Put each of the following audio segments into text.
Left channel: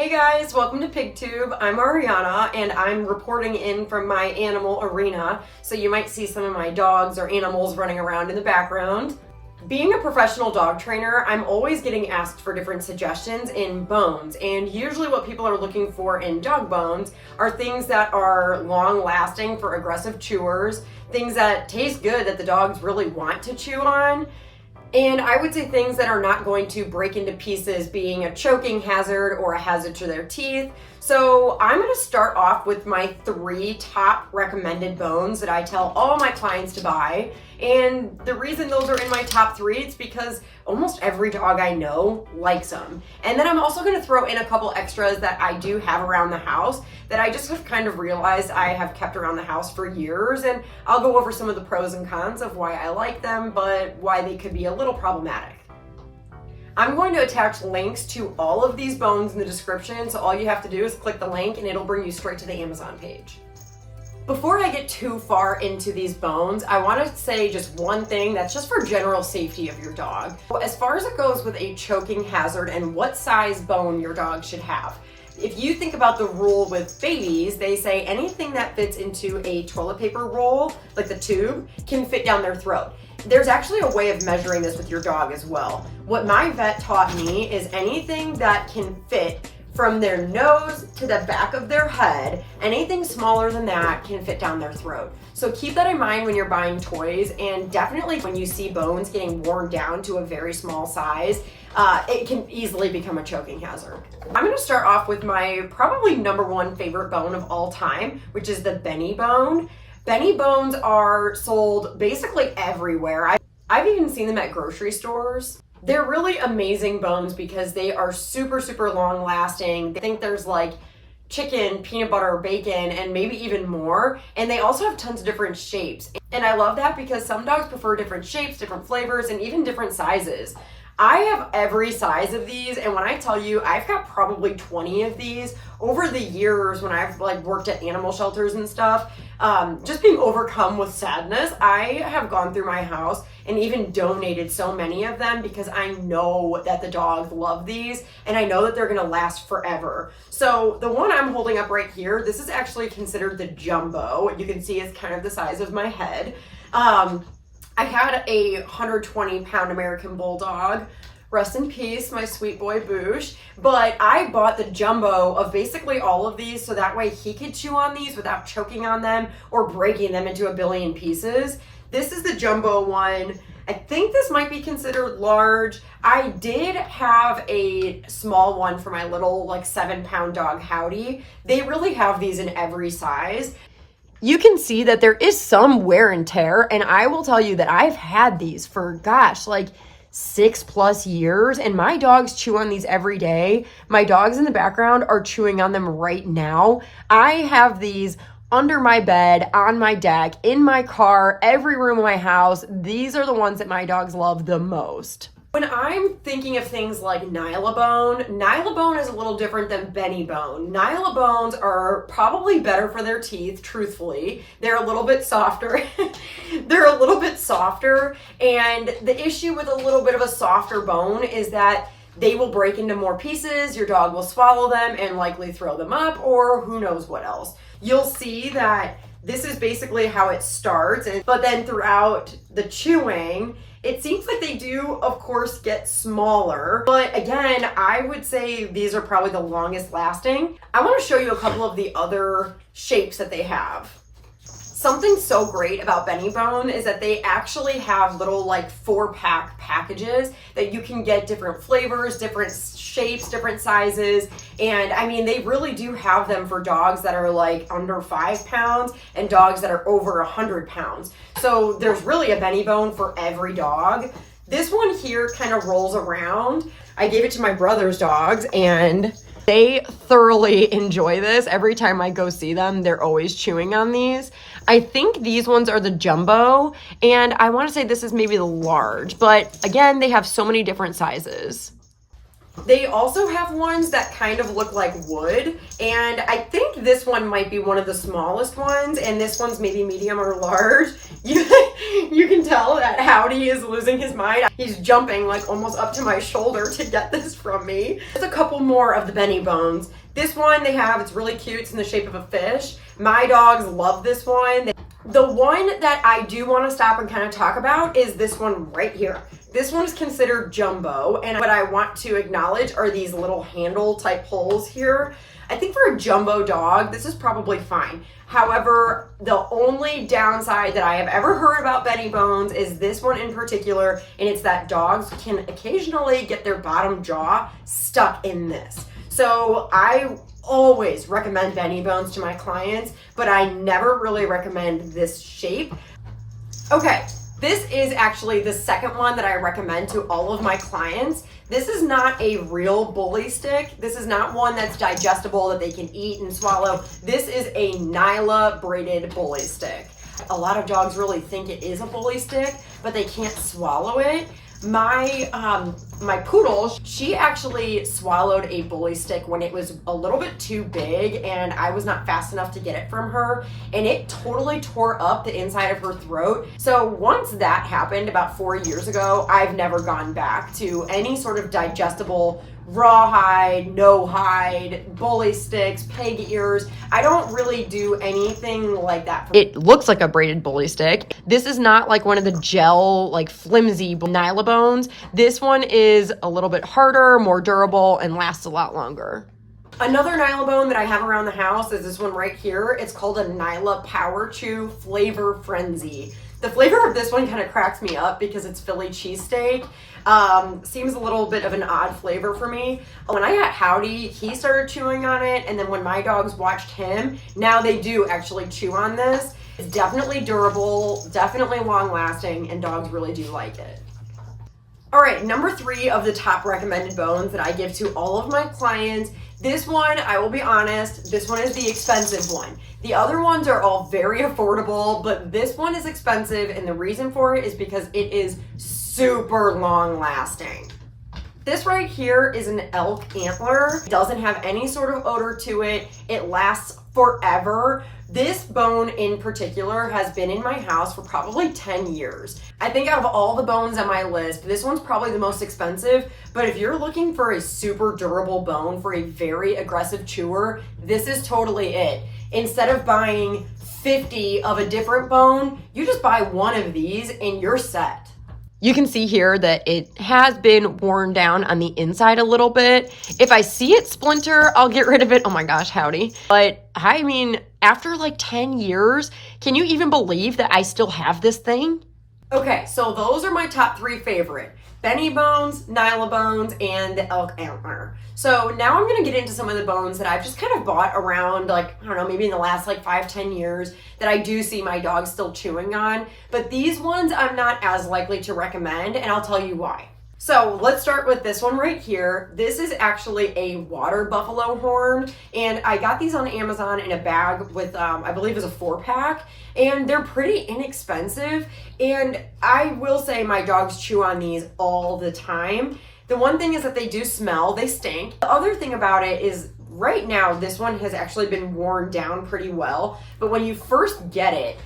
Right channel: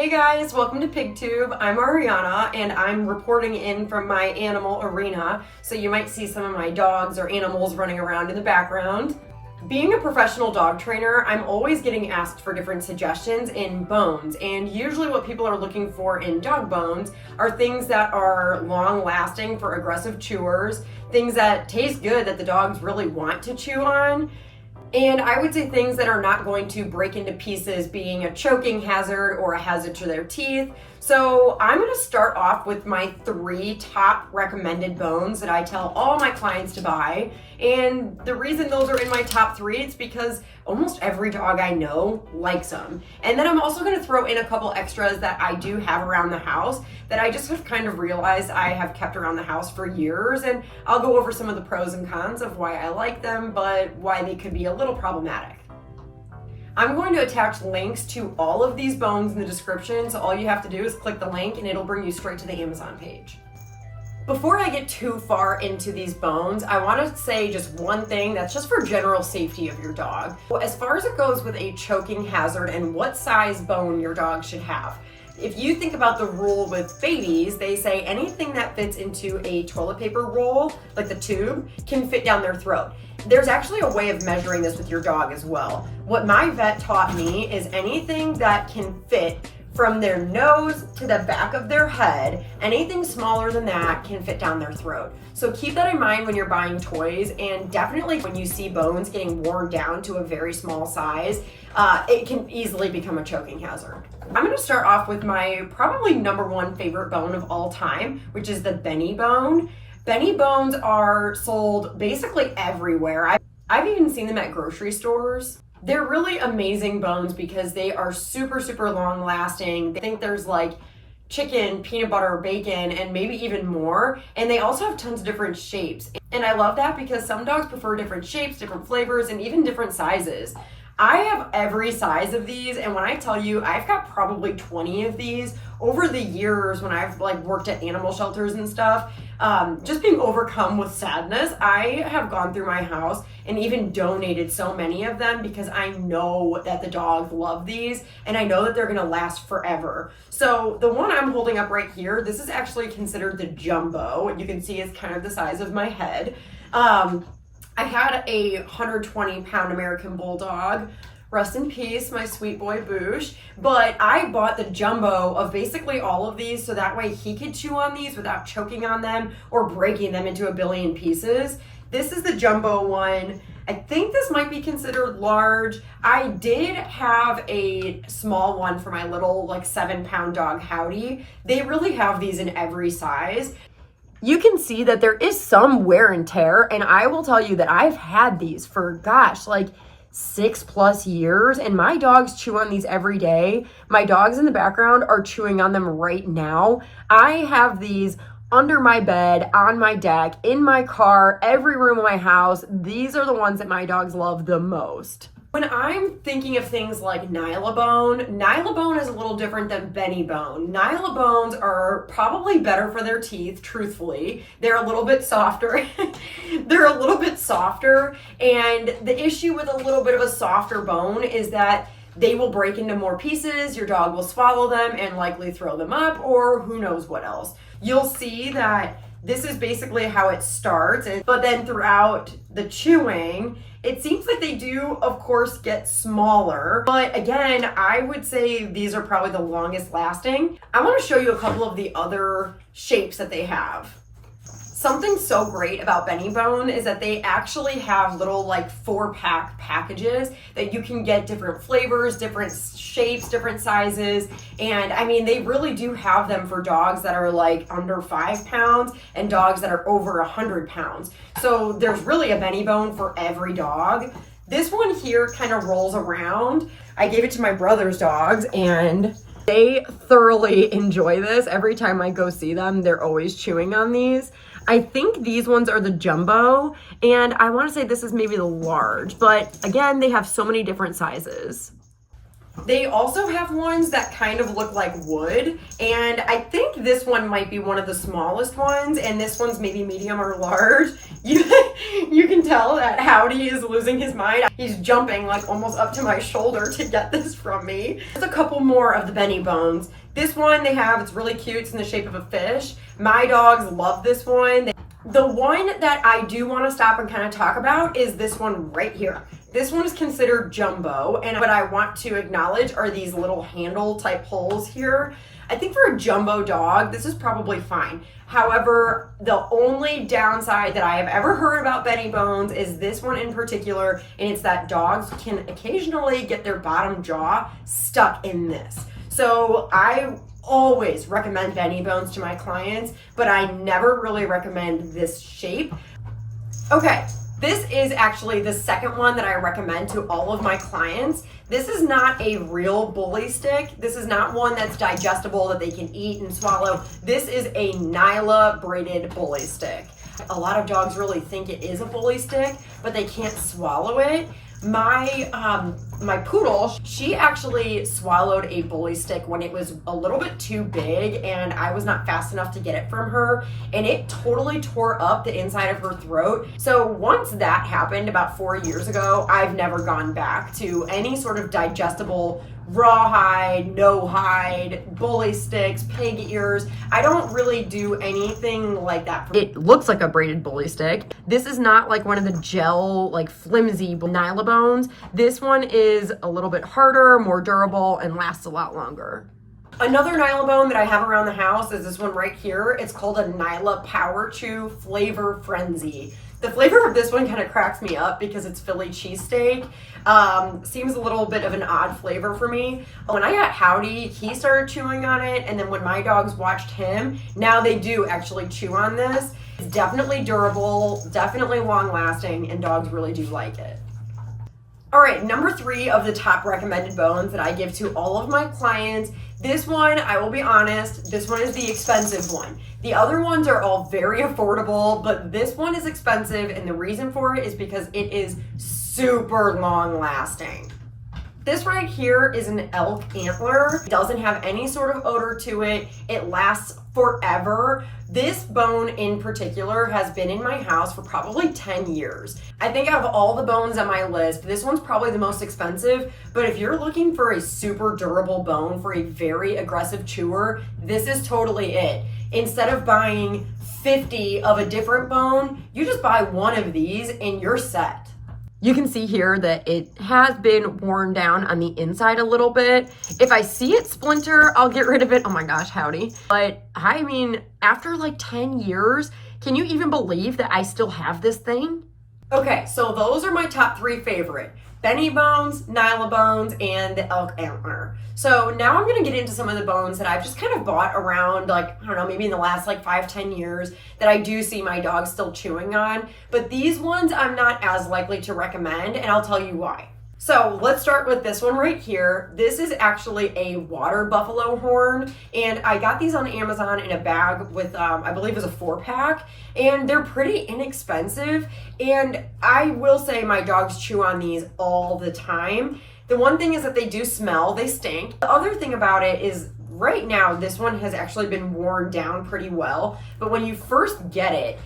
Hey guys, welcome to PigTube. I'm Ariana and I'm reporting in from my animal arena, so you might see some of my dogs or animals running around in the background. Being a professional dog trainer, I'm always getting asked for different suggestions in bones, and usually what people are looking for in dog bones are things that are long lasting for aggressive chewers, things that taste good that the dogs really want to chew on. And I would say things that are not going to break into pieces, being a choking hazard or a hazard to their teeth. So I'm going to start off with my 3 top recommended bones that I tell all my clients to buy. And the reason those are in my top 3 is because almost every dog I know likes them. And then I'm also going to throw in a couple extras that I do have around the house that I just have kind of realized I have kept around the house for years. And I'll go over some of the pros and cons of why I like them, but why they could be a little problematic. I'm going to attach links to all of these bones in the description, so all you have to do is click the link and it'll bring you straight to the Amazon page. Before I get too far into these bones, I want to say just one thing that's just for general safety of your dog. As far as it goes with a choking hazard and what size bone your dog should have, if you think about the rule with babies, they say anything that fits into a toilet paper roll, like the tube, can fit down their throat. There's actually a way of measuring this with your dog as well. What my vet taught me is anything that can fit from their nose to the back of their head, anything smaller than that can fit down their throat. So keep that in mind when you're buying toys, and definitely when you see bones getting worn down to a very small size, it can easily become a choking hazard. I'm going to start off with my probably #1 favorite bone of all time, which is the Bene Bone. Bene Bones are sold basically everywhere. I've even seen them at grocery stores. They're really amazing bones because they are super, super long lasting. I think there's like chicken, peanut butter, bacon, and maybe even more. And they also have tons of different shapes. And I love that because some dogs prefer different shapes, different flavors, and even different sizes. I have every size of these, and when I tell you, I've got probably 20 of these over the years when I've worked at animal shelters and stuff. Just being overcome with sadness, I have gone through my house and even donated so many of them because I know that the dogs love these and I know that they're gonna last forever. So the one I'm holding up right here, this is actually considered the jumbo. You can see it's kind of the size of my head. I had a 120-pound American Bulldog. Rest in peace, my sweet boy Boosh. But I bought the jumbo of basically all of these so that way he could chew on these without choking on them or breaking them into a billion pieces. This is the jumbo one. I think this might be considered large. I did have a small one for my little 7-pound dog Howdy. They really have these in every size. You can see that there is some wear and tear, and I will tell you that I've had these for 6+ years, and my dogs chew on these every day. My dogs in the background are chewing on them right now. I have these under my bed, on my deck, in my car, every room of my house. These are the ones that my dogs love the most. When I'm thinking of things like Nyla Bone is a little different than Bene Bone. Nyla Bones are probably better for their teeth, truthfully. They're a little bit softer. They're a little bit softer, and the issue with a little bit of a softer bone is that they will break into more pieces, your dog will swallow them and likely throw them up, or who knows what else. You'll see that this is basically how it starts, but then throughout the chewing, it seems like they do, of course, get smaller. But again, I would say these are probably the longest lasting. I want to show you a couple of the other shapes that they have. Something so great about Bene Bone is that they actually have little 4-pack packages that you can get different flavors, different shapes, different sizes. And I mean, they really do have them for dogs that are under 5 pounds and dogs that are over 100 pounds. So there's really a Bene Bone for every dog. This one here kind of rolls around. I gave it to my brother's dogs and they thoroughly enjoy this. Every time I go see them, they're always chewing on these. I think these ones are the jumbo, and I want to say this is maybe the large, but again, they have so many different sizes. They also have ones that kind of look like wood, and I think this one might be one of the smallest ones, and this one's maybe medium or large. You can tell that Howdy is losing his mind. He's jumping like almost up to my shoulder to get this from me. There's a couple more of the Bene Bones. This one they have, it's really cute. It's in the shape of a fish. My dogs love this one. The one that I do want to stop and kind of talk about is this one right here. This one is considered jumbo, and what I want to acknowledge are these little handle type holes here. I think for a jumbo dog, this is probably fine. However, the only downside that I have ever heard about Bene Bones is this one in particular, and it's that dogs can occasionally get their bottom jaw stuck in this. So I always recommend Bene Bones to my clients, but I never really recommend this shape. Okay. This is actually the second one that I recommend to all of my clients. This is not a real bully stick. This is not one that's digestible that they can eat and swallow. This is a Nyla braided bully stick. A lot of dogs really think it is a bully stick, but they can't swallow it. My poodle, she actually swallowed a bully stick when it was a little bit too big, and I was not fast enough to get it from her, and it totally tore up the inside of her throat. So once that happened about 4 years ago, I've never gone back to any sort of digestible rawhide, no hide, bully sticks, peg ears. I don't really do anything like that. It looks like a braided bully stick. This is not like one of the gel, like flimsy Nyla Bones. This one is a little bit harder, more durable, and lasts a lot longer. Another Nyla Bone that I have around the house is this one right here. It's called a Nyla Power Chew Flavor Frenzy. The flavor of this one kind of cracks me up because it's Philly cheesesteak. Seems a little bit of an odd flavor for me. When I got Howdy, he started chewing on it, and then when my dogs watched him, now they do actually chew on this. It's definitely durable, definitely long lasting, and dogs really do like it. All right, number 3 of the top recommended bones that I give to all of my clients. This one, I will be honest, this one is the expensive one. The other ones are all very affordable, but this one is expensive, and the reason for it is because it is super long lasting. This right here is an Elk Antler. It doesn't have any sort of odor to it. It lasts forever. This bone in particular has been in my house for probably 10 years. I think out of all the bones on my list, this one's probably the most expensive, but if you're looking for a super durable bone for a very aggressive chewer, this is totally it. Instead of buying 50 of a different bone, you just buy one of these and you're set. You can see here that it has been worn down on the inside a little bit. If I see it splinter, I'll get rid of it. Oh my gosh, Howdy. But I mean, after like 10 years, can you even believe that I still have this thing? Okay, so those are my top 3 favorite. Bene Bones, Nyla Bones, and the Elk Antler. So now I'm gonna get into some of the bones that I've just kind of bought around, like, I don't know, maybe in the last like 5-10 years that I do see my dog still chewing on. But these ones I'm not as likely to recommend, and I'll tell you why. So let's start with this one right here. This is actually a water buffalo horn, and I got these on Amazon in a bag with, I believe it was a 4-pack, and they're pretty inexpensive, and I will say my dogs chew on these all the time. The one thing is that they do smell, they stink. The other thing about it is right now, this one has actually been worn down pretty well, but when you first get it,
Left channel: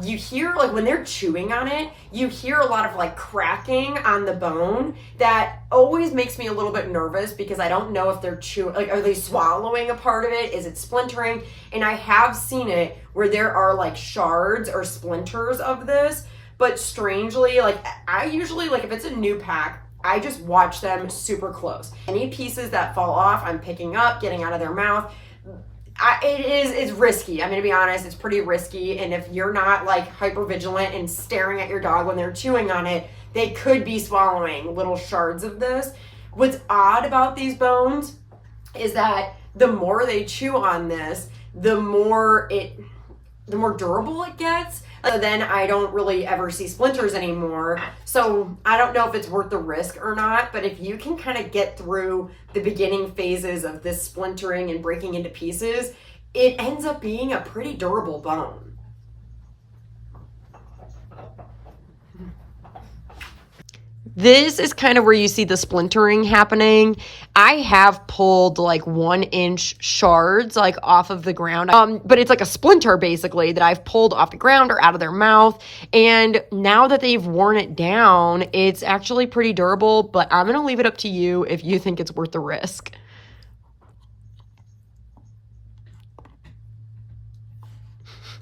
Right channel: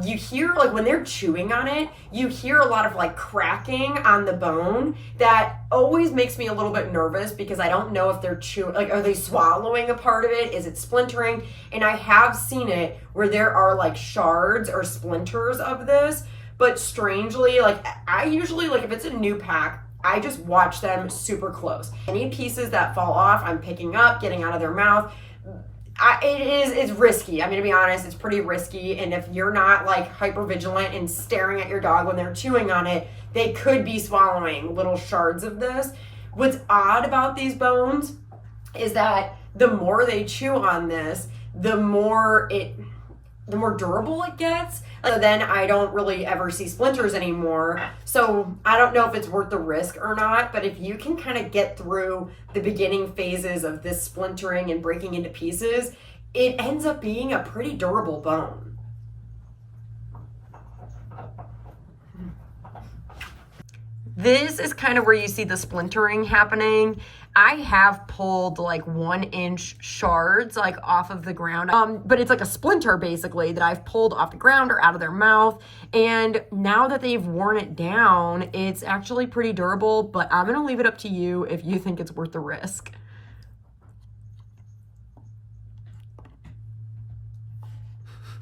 you hear, like when they're chewing on it, you hear a lot of like cracking on the bone that always makes me a little bit nervous because I don't know if they're chewing, like are they swallowing a part of it? Is it splintering? And I have seen it where there are like shards or splinters of this, but strangely, like I usually, like if it's a new pack, I just watch them super close. Any pieces that fall off, I'm picking up, getting out of their mouth. It's risky. I'm gonna be honest, it's pretty risky. And if you're not like hyper vigilant and staring at your dog when they're chewing on it, they could be swallowing little shards of this. What's odd about these bones is that the more they chew on this, the more durable it gets. So then I don't really ever see splinters anymore. So I don't know if it's worth the risk or not, but if you can kind of get through the beginning phases of this splintering and breaking into pieces, it ends up being a pretty durable bone. This is kind of where you see the splintering happening. I have pulled like 1-inch shards like off of the ground, but it's like a splinter basically that I've pulled off the ground or out of their mouth. And now that they've worn it down, it's actually pretty durable, but I'm gonna leave it up to you if you think it's worth the risk.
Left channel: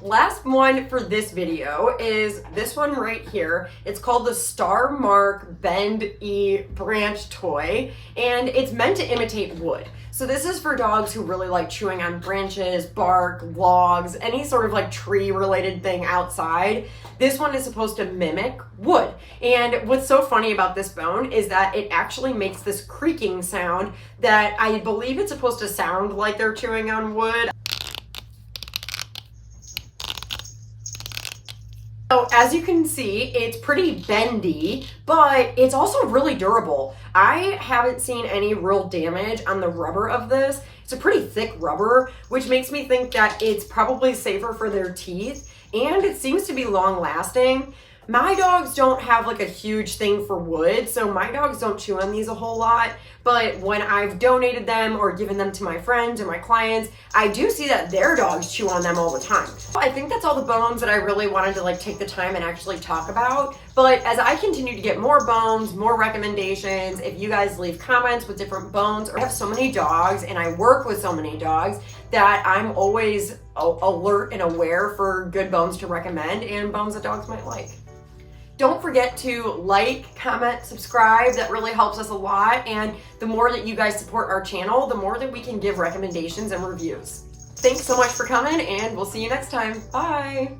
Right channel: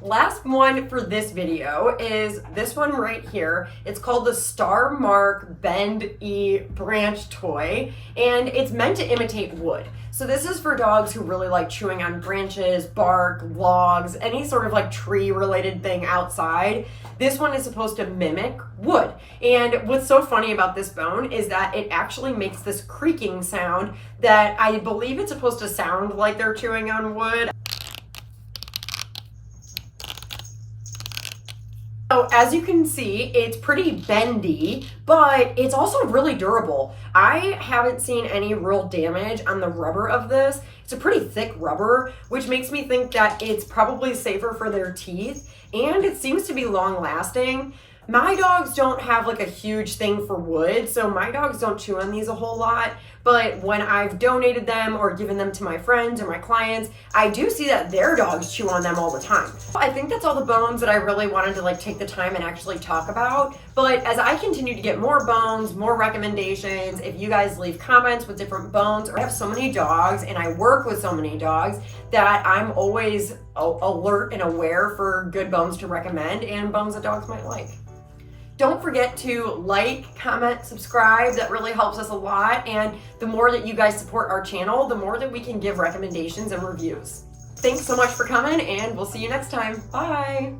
Last one for this video is this one right here. It's called the Star Mark Bend E Branch Toy, and it's meant to imitate wood. So this is for dogs who really like chewing on branches, bark, logs, any sort of like tree related thing outside. This one is supposed to mimic wood. And what's so funny about this bone is that it actually makes this creaking sound that I believe it's supposed to sound like they're chewing on wood. So as you can see, it's pretty bendy, but it's also really durable. I haven't seen any real damage on the rubber of this. It's a pretty thick rubber, which makes me think that it's probably safer for their teeth, and it seems to be long lasting. My dogs don't have like a huge thing for wood, so my dogs don't chew on these a whole lot, but when I've donated them or given them to my friends or my clients, I do see that their dogs chew on them all the time. I think that's all the bones that I really wanted to like take the time and actually talk about, but as I continue to get more bones, more recommendations, if you guys leave comments with different bones, or I have so many dogs and I work with so many dogs that I'm always alert and aware for good bones to recommend and bones that dogs might like. Don't forget to like, comment, subscribe. That really helps us a lot. And the more that you guys support our channel, the more that we can give recommendations and reviews. Thanks so much for coming, and we'll see you next time. Bye.